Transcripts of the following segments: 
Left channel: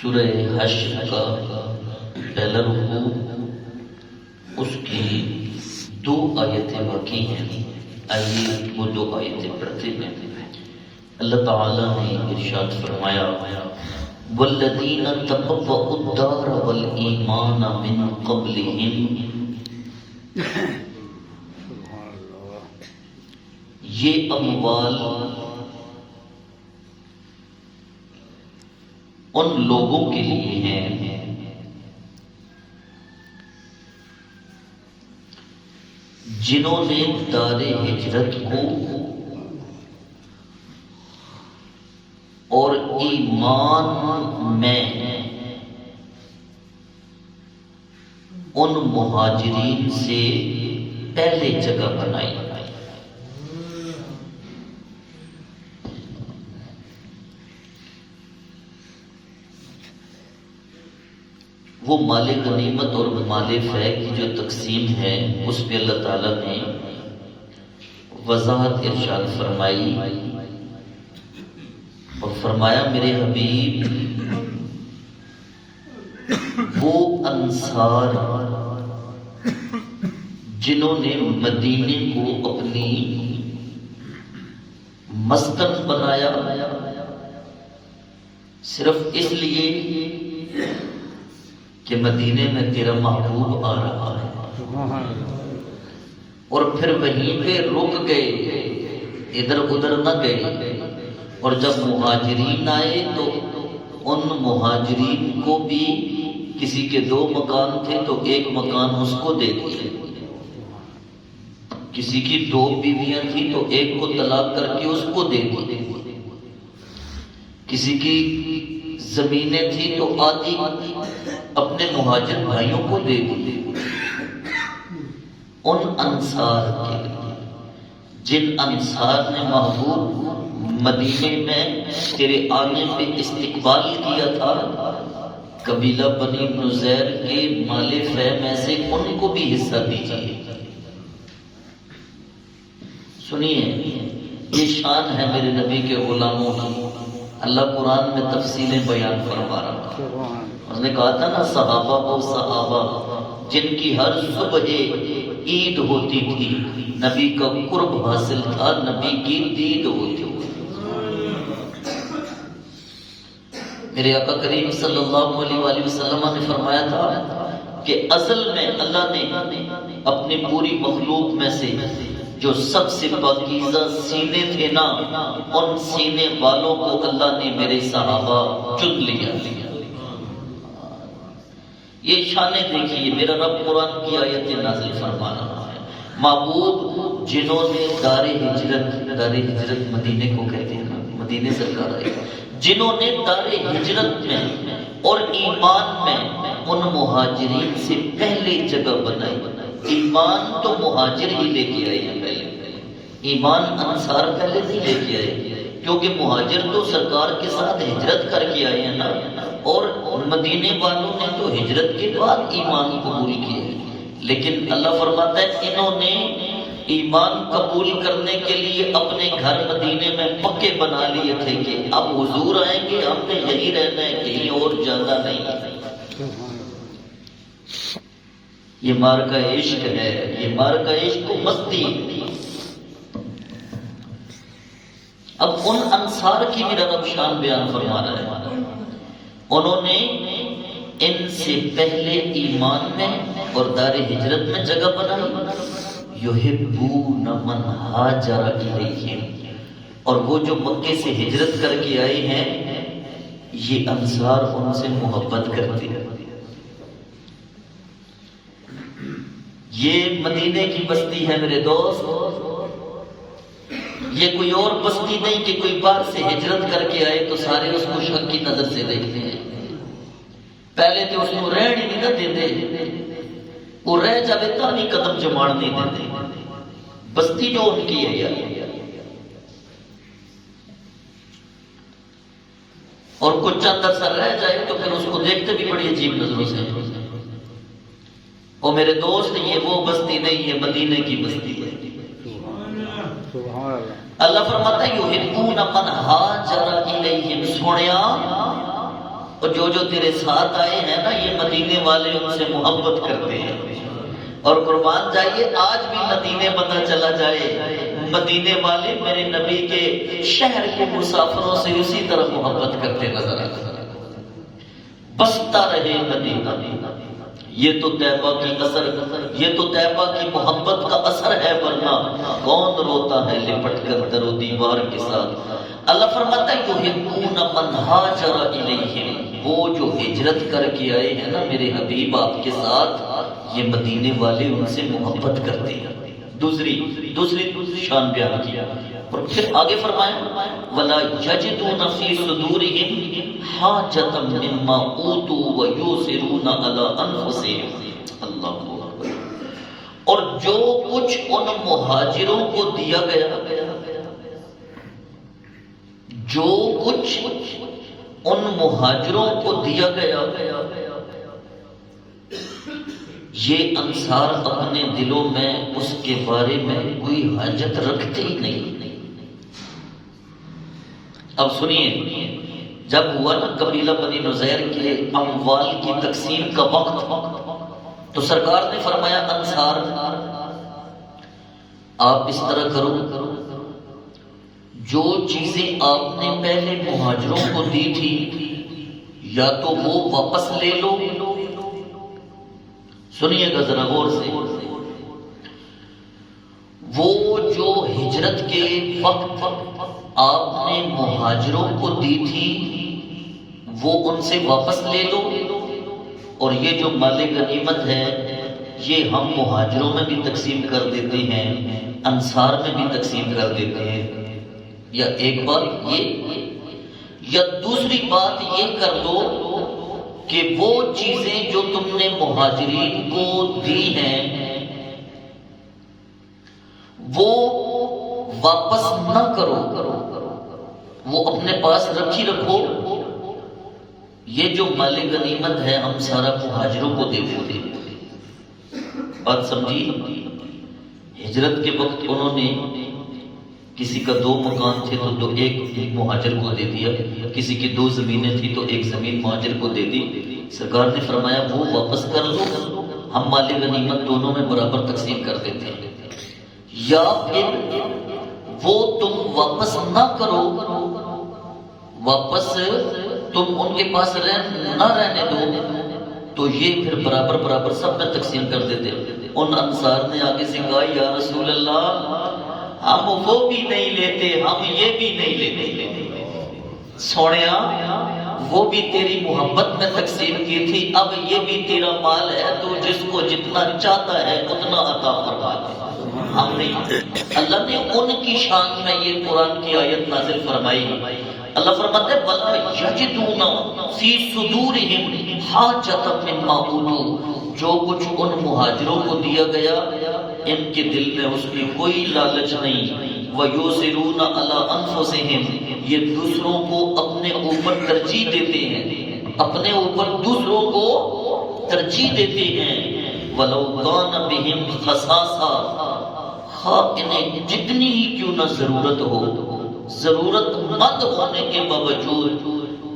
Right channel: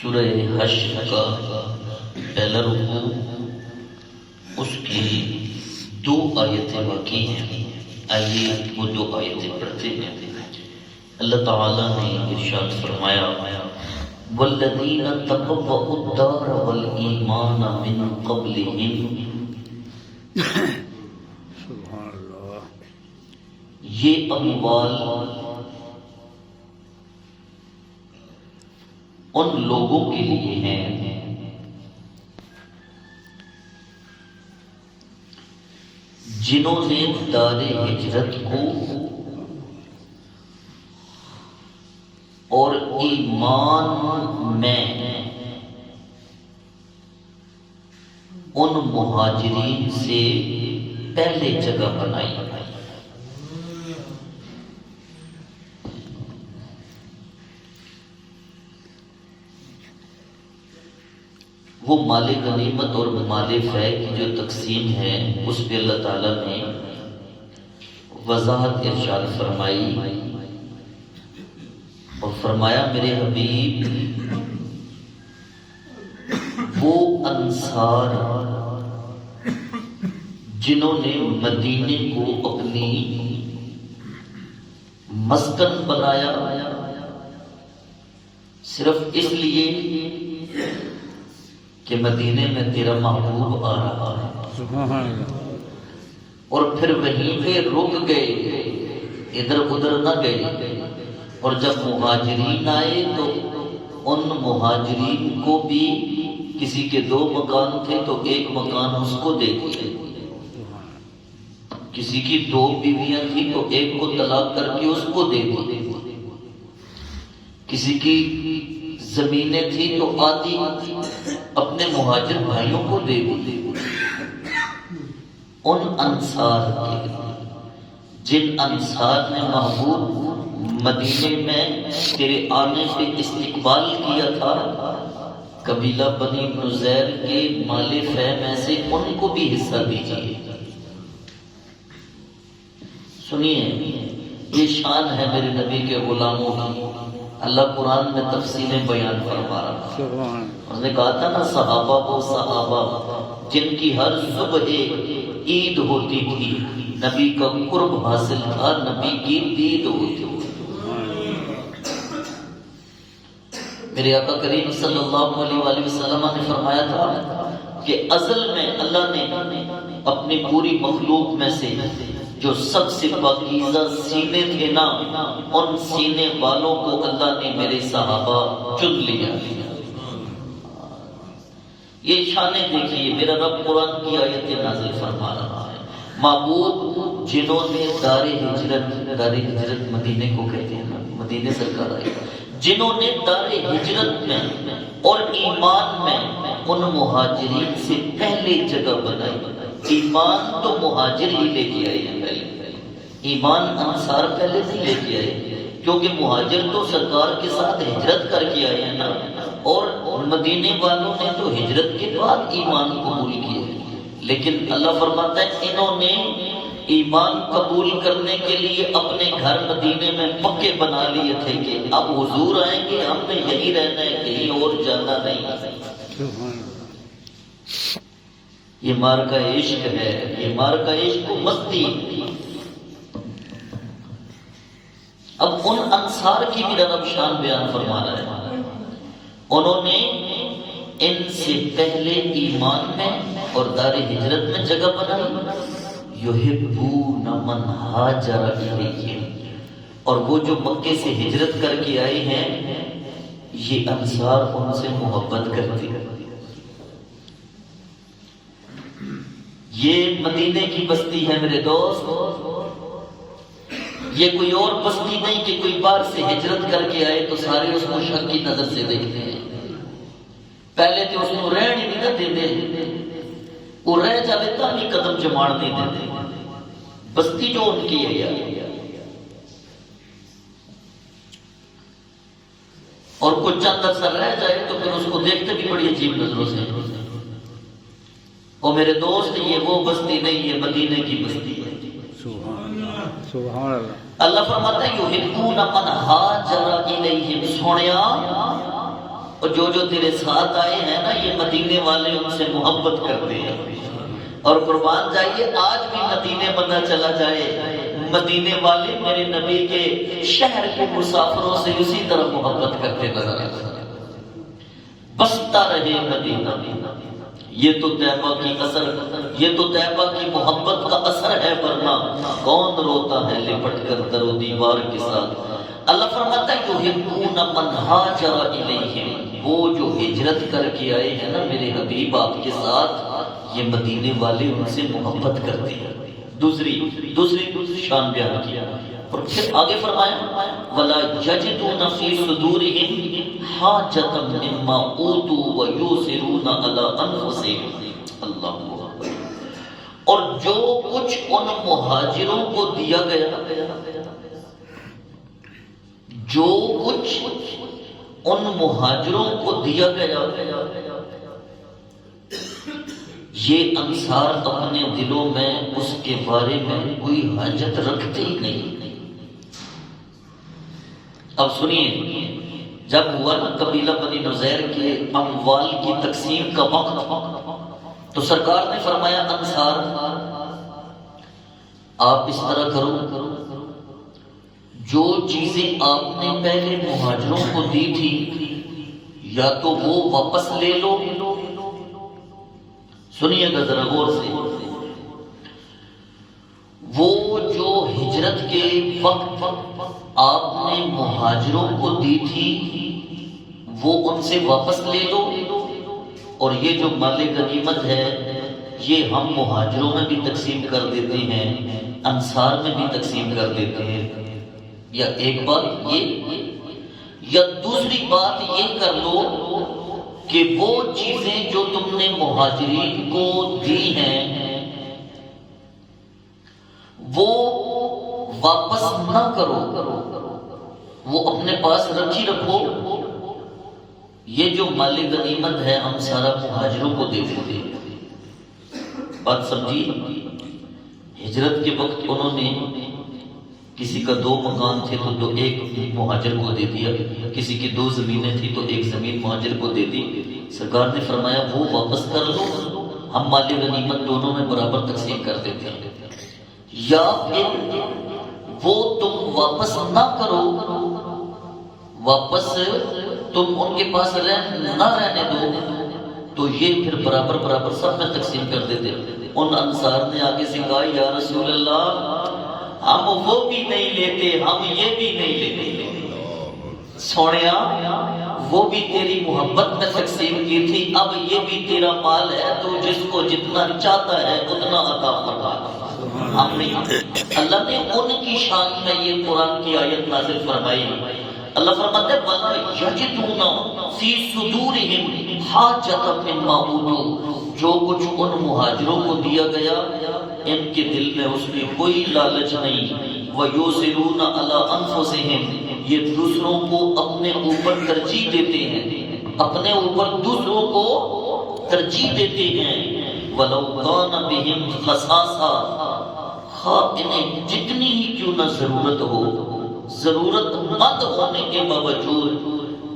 سورہ حشر کا پہلا رکوع اس کی 2 آیتیں باقی ہیں. آئیے وہ 2 آیتیں پڑھتے ہیں. اللہ تعالیٰ نے ارشاد فرمایا والذین تبوؤا الدار والایمان من قبلہم، یہ اموال ان لوگوں کے لیے ہیں جنہوں نے دار ہجرت کو اور ایمان میں ان مہاجرین سے پہلے جگہ بنائی. وہ مال غنیمت اور مال فیض کی جو تقسیم ہے اس پہ اللہ تعالیٰ نے وضاحت ارشاد فرمائی اور فرمایا میرے حبیب وہ انصار جنہوں نے مدینے کو اپنی مسکن بنایا صرف اس لیے کہ مدینے میں تیرا محبوب آ رہا ہے، اور پھر وہیں پہ رک گئے، ادھر ادھر نہ گئے. اور جب مہاجرین آئے تو ان مہاجرین کو بھی کسی کے 2 مکان تھے تو 1 مکان اس کو دے دیے، کسی کی 2 بیویاں تھیں تو 1 کو طلاق کر کے اس کو دے دی، کسی کی زمینیں تھیں تو آدھی اپنے مہاجر بھائیوں کو دے دی. ان انصار کے جن انصار نے محبوب مدینے میں تیرے آنے پہ استقبال کیا تھا، قبیلہ بنی نزیر کے مال فیض میں سے ان کو بھی حصہ دیجیے. سنیے یہ شان ہے میرے نبی کے غلاموں کی. اللہ قرآن میں تفصیلیں بیان فرما رہا ہے. اس نے کہا تھا نا صحابہ وہ صحابہ جن کی ہر صبح عید ہوتی تھی، نبی کا قرب حاصل تھا، نبی کی دید ہوتی تھی. میرے آقا کریم صلی اللہ علیہ وآلہ وسلم نے فرمایا تھا کہ اصل میں اللہ نے اپنی پوری مخلوق میں سے جو سب سے پاکیزہ سینے تھے نا، ان سینے والوں کو اللہ نے میرے صحابہ چن لیا. یہ شانیں دیکھیے، میرا رب قرآن کی آیت نازل فرما رہا ہے. محبوب جنہوں نے دار ہجرت مدینے کو کہتے ہیں نا، مدینے سرکار آئے، جنہوں نے دار ہجرت میں اور ایمان میں ان مہاجرین سے پہلے جگہ بنائی. ایمان تو مہاجر ہی لے کے آئے ہیں، پہلے ایمان انصار پہلے سے لے کے آئے، کیونکہ مہاجر تو سرکار کے ساتھ ہجرت کر کے آئے ہیں نا، اور مدینے والوں نے تو ہجرت کے بعد ایمان قبول کیا. لیکن اللہ فرماتا ہے انہوں نے ایمان قبول کرنے کے لیے اپنے گھر مدینے میں پکے بنا لیے تھے کہ اب حضور آئیں گے، ہم نے یہی رہنا ہے، کہیں اور جانا نہیں. یہ مار کا عشق ہے، یہ مار کا عشق کو مستی. اب ان انصار کی بھی رب شان بیان فرما رہا ہے. انہوں نے ان سے پہلے ایمان میں اور دار ہجرت میں جگہ بنائی. یحبون من ہاجر الیہم، اور وہ جو مکے سے ہجرت کر کے آئے ہیں یہ انصار ان سے محبت کرتے ہیں. یہ مدینے کی بستی ہے میرے دوست، یہ کوئی اور بستی نہیں کہ کوئی باہر سے ہجرت کر کے آئے تو سارے اس کو شک کی نظر سے دیکھتے ہیں. پہلے تو اس کو رہن ہی نہیں دیتے، وہ رہ جاتے تھا نہیں، قدم جماڑ نہیں دیتے. بستی جو ان کی ہے یار، اور کچھ چند عرصہ رہ جائے تو پھر اس کو دیکھتے بھی بڑی عجیب نظروں سے. اور میرے دوست یہ وہ بستی نہیں، یہ مدینے کی بستی ہے. سبحان اللہ. اللہ فرماتا ہے یحبون من ہاجر الیہم. سونیا اور جو تیرے ساتھ آئے ہیں نا یہ مدینے والے ان سے محبت کرتے ہیں. اور قربان جائیے آج بھی مدینے بندہ چلا جائے مدینے والے میرے نبی کے شہر کے مسافروں سے اسی طرح محبت کرتے نظر آتے ہیں. بستا رہے مدینہ، یہ تو طیبہ کی اثر، یہ تو طیبہ کی محبت کا اثر ہے، ورنہ کون روتا ہے لپٹ کر در و دیوار کے ساتھ. اللہ فرماتا ہے یحبون من ہاجر الیہم، وہ جو ہجرت کر کے آئے ہیں نا میرے حبیب آپ کے ساتھ، یہ مدینے والے ان سے محبت کرتے ہیں. دوسری شان بیان کیا اور پھر آگے فرمایا وَلَا يَجِدُونَ فِي صُدُورِهِمْ حَاجَةً مِّمَّا أُوتُوا وَيُؤْثِرُونَ عَلَىٰ أَنفُسِهِمْ. اللہ اکبر. اور جو کچھ ان مہاجروں کو دیا گیا، جو کچھ ان مہاجروں کو دیا گیا، یہ انصار اپنے دلوں میں اس کے بارے میں کوئی حاجت رکھتے ہی نہیں. اب سنیے، جب ہوا نا قبیلہ بنی نذیر کے اموال کی تقسیم کا وقت، تو سرکار نے فرمایا انصار آپ اس طرح کرو، جو چیزیں آپ نے پہلے مہاجروں کو دی تھی یا تو وہ واپس لے لو. سنیے گا ذرا غور سے، وہ جو ہجرت کے وقت آپ نے مہاجروں کو دی تھی وہ ان سے واپس لے لو، اور یہ جو مال غنیمت ہے یہ ہم مہاجروں میں بھی تقسیم کر دیتے ہیں، انصار میں بھی تقسیم کر دیتے ہیں. یا ایک بات یہ، یا دوسری بات یہ کر لو کہ وہ چیزیں جو تم نے مہاجرین کو دی ہیں وہ واپس نہ کرو، وہ اپنے پاس رکھی رکھو. یہ جو مال غنیمت ہے ہم سارا مہاجروں کو دے دیتے ہیں. بات سمجھی؟ ہجرت کے وقت انہوں نے کسی کا 2 مکان تھے تو ایک مہاجر کو دے دیا، کسی کی 2 زمینیں تھی تو 1 زمین مہاجر کو دے دی. سرکار نے فرمایا وہ واپس کر دو، ہم مال غنیمت دونوں میں برابر تقسیم کر دیتے ہیں. یا پھر وہ تم واپس نہ کرو، واپس تم ان کے پاس نہ رہنے دو، تو یہ پھر برابر سب میں تقسیم کر دیتے. ان انصار نے آگے سے کہا یا رسول اللہ ہم وہ بھی نہیں لیتے، ہم یہ بھی نہیں لیتے. سونیا وہ بھی تیری محبت میں تقسیم کی تھی، اب یہ بھی تیرا مال ہے، تو جس کو جتنا چاہتا ہے اتنا عطا فرما دے. ہم نہیں. اللہ نے ان کی شان میں یہ قرآن کی آیت نازل فرمائی. اللہ فرماتا ہے وَلَا يَجِدُونَ فِي صُدُورِهِمْ حَاجَةً مِّمَّا أُوتُوا، جو کچھ ان مہاجروں کو دیا گیا ان کے دل میں اس کی کوئی لالچ نہیں. وَيُؤْثِرُونَ عَلَىٰ أَنفُسِهِمْ، یہ دوسروں کو اپنے اوپر ترجیح دیتے ہیں، اپنے اوپر دوسروں کو ترجیح دیتے ہیں. وَلَوْ كَانَ بِهِمْ خَصَاصَةٌ، ہاں انہیں جتنی ہی کیوں نہ ضرورت ہو، ضرورت مند ہونے کے باوجود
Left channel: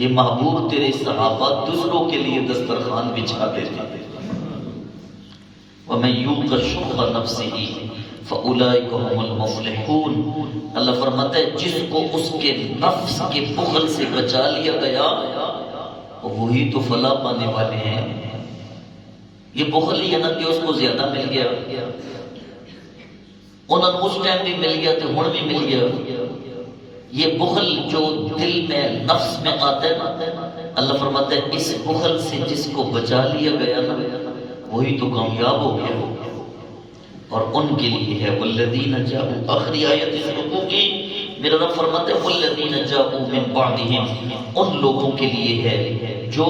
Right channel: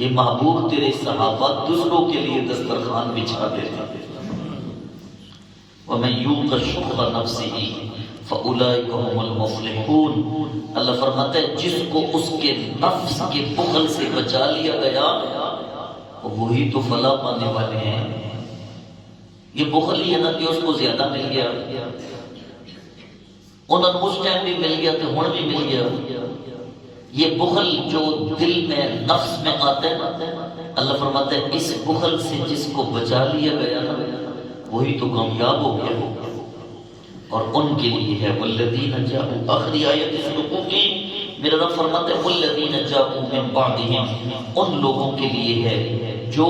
یہ محبوب تیرے صحابہ دوسروں کے لیے دسترخوان بچھا دیتے. وَمَن يُوقَ شُحَّ نَفْسِهِ فَأُولَٰئِكَ هُمُ الْمُفْلِحُونَ. اللہ فرماتا ہے جس کو اس کے نفس کے بخل سے بچا لیا گیا وہی تو فلاح پانے والے ہیں. یہ بخل ہی ہے نا کہ اس کو زیادہ مل گیا، انہوں اس ٹائم بھی مل گیا تو ہن بھی مل گیا. یہ بخل جو دل میں نفس میں آتا ہے نا، اللہ فرماتا ہے اس بخل سے جس کو بچا لیا گیا نا وہی تو کامیاب ہو گیا. اور ان کے لیے ہے والذین جاءوا، آخری آیت اس رکوع کی میرا رب فرماتا ہے والذین جاءوا من بعدہم، ان لوگوں کے لیے ہے جو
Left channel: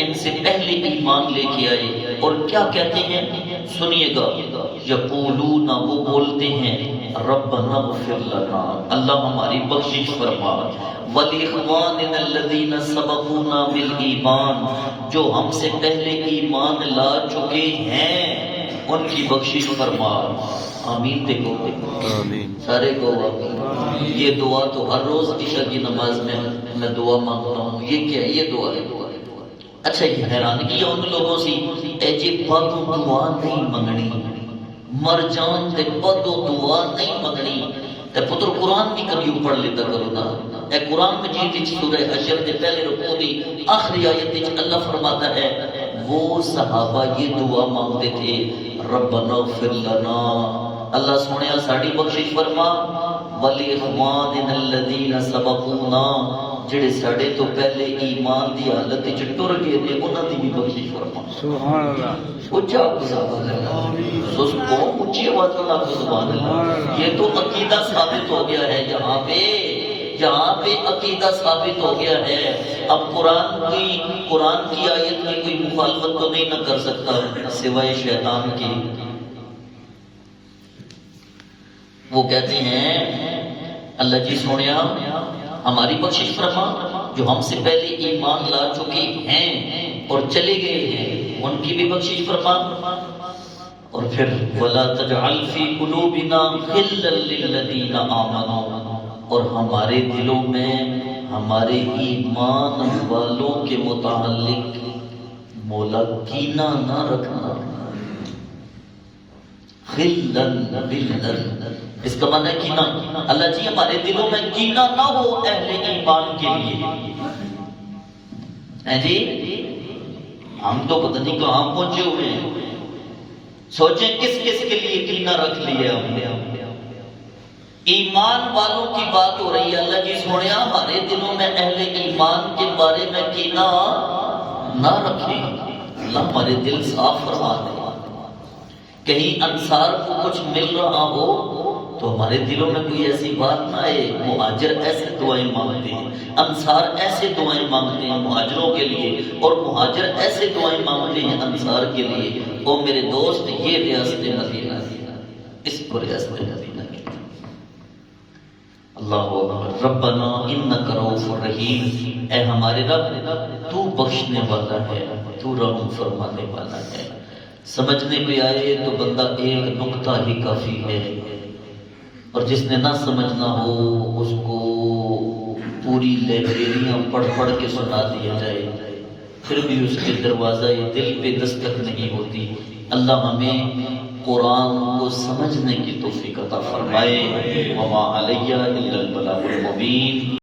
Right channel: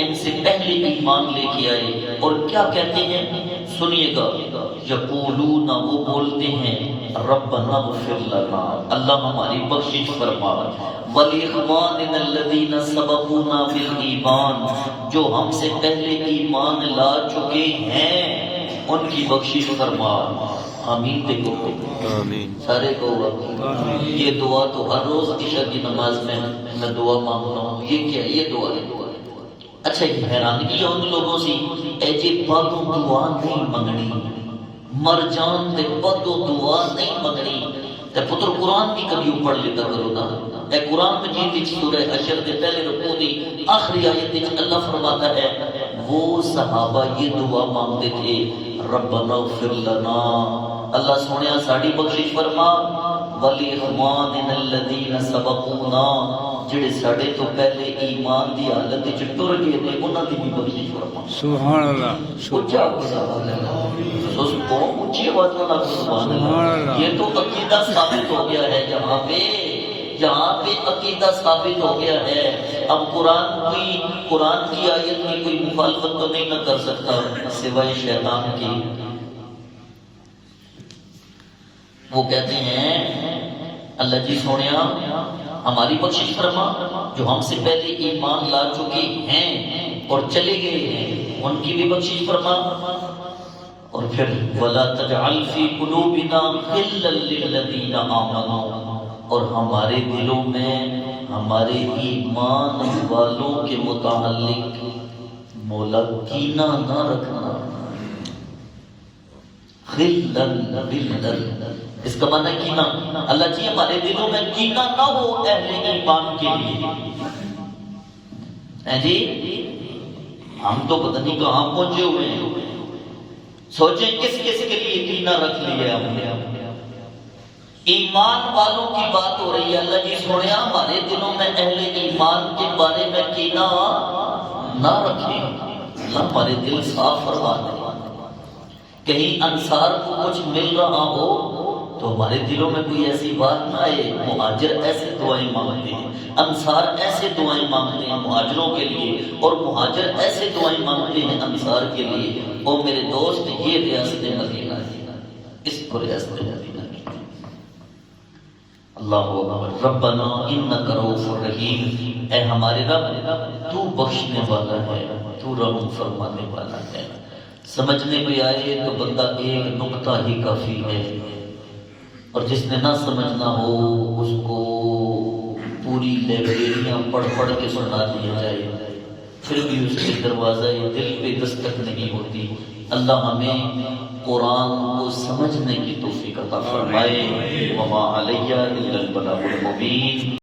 ان سے پہلے ایمان لے کے آئے اور کیا کہتے ہیں، سنیے گا، یقولون، وہ بولتے ہیں ربنا اغفر لنا، اللہ ہماری بخشش فرما، وَلِإِخْوَانِنَا الَّذِينَ سَبَقُونَا بِالْإِيمَانِ، جو ہم سے پہلے ایمان لا چکے ہیں ان کی بخشش فرما. آمین. دیکھو آمین سارے کو. یہ دعا تو ہر روز عشاء کی نماز میں دعا مانگتا ہوں. یہ کیا ہے؟ یہ دعا ہے. اچھا یہ حیرانگی ان لوگوں سی اے جی پدو دعا نہیں منگنی مر جان تے پدو دعا نہیں منگنی تے پتر قرآن بھی کبھی پڑھ لیتا کرو نا اے قرآن مجید وچ سورہ حشر دے پہلے رکوع دی آخری آیت وچ اللہ فرماتا ہے وہ صحابہ یہ دعا مانگتے تھے ربنا اغفر لنا اللہ سنیا ساڑی بخشش فرما ولی اخواننا الذین سبقونا جڑے ساڑے تو پہلے ایمان دی حالت وچ ٹر گئے نے انہاں دی بھی بخشش فرما سبحان اللہ اونچا سبحان اللہ اس کو اونچی آواز میں سبحان اللہ یہ تو عقیدہ ثابت ہو گیا ہے یہاں پہ عقیدہ ثابت ہو گیا ہے اب قرآن کی آیت میں کوئی مخالفت تو نہیں نہ کر سکتا سوائے شیطان کی وہ کہتے ہیں اللہ جی سونیا ہماری بخشش فرما جو ہم سے پہلے ایمان لا چکے ہیں اور چلے گئے ہیں ان کی بھی بخشش فرما اور پھر وَلَا تَجْعَلْ فِي قُلُوبِنَا غِلًّا لِّلَّذِينَ آمَنُوا اور ہمارے دلوں میں ہمارے ایمان والوں کے متعلق مولا کینہ نہ رکھنا غِلًّا بِاللَّذِينَ اس کا معنی ہے کینہ اللہ جی ہمارے دلوں میں کینہ نہ ہو اہل ایمان کے لیے جی ہم تو پتہ نہیں کہاں پہنچے ہوئے ہیں سوچیں کس کس کے لیے کینہ رکھ لیا ہم نے ایمان والوں کی بات ہو رہی ہے اللہ جی سنیا ہمارے دلوں میں اہل ایمان کے بارے میں کینہ نہ رکھیں اللہ ہمارے دل صاف فرما دے کہیں انصار کو کچھ مل رہا ہو تو ہمارے دلوں میں کوئی ایسی بات نہ آئے مہاجر ایسے دعائیں مانگتے ہیں انصار ایسے دعائیں مانگتے ہیں مہاجروں کے لیے اور مہاجر ایسے دعائیں مانگتے ہیں انصار کے لیے او میرے دوست یہ ریاست مدینہ ہے اس کو ریاست مدینہ ہے اللہ اکبر ربنا انک رؤوف رحیم اے ہمارے رب تو بخشنے والا ہے تو رحم فرمانے والا ہے سمجھنے کو آئے تو بندہ ایک نقطہ ہی کافی ہے اور جس نے نہ سمجھنا ہو اس کو پوری لائبریریاں پڑھ پڑھ کے سنا دیا جائے پھر بھی اس کے دروازہ دل پہ دستک نہیں ہوتی اللہ ہمیں قرآن کو سمجھنے کی توفیق عطا فرمائے وما علیہ الا البلاغ المبین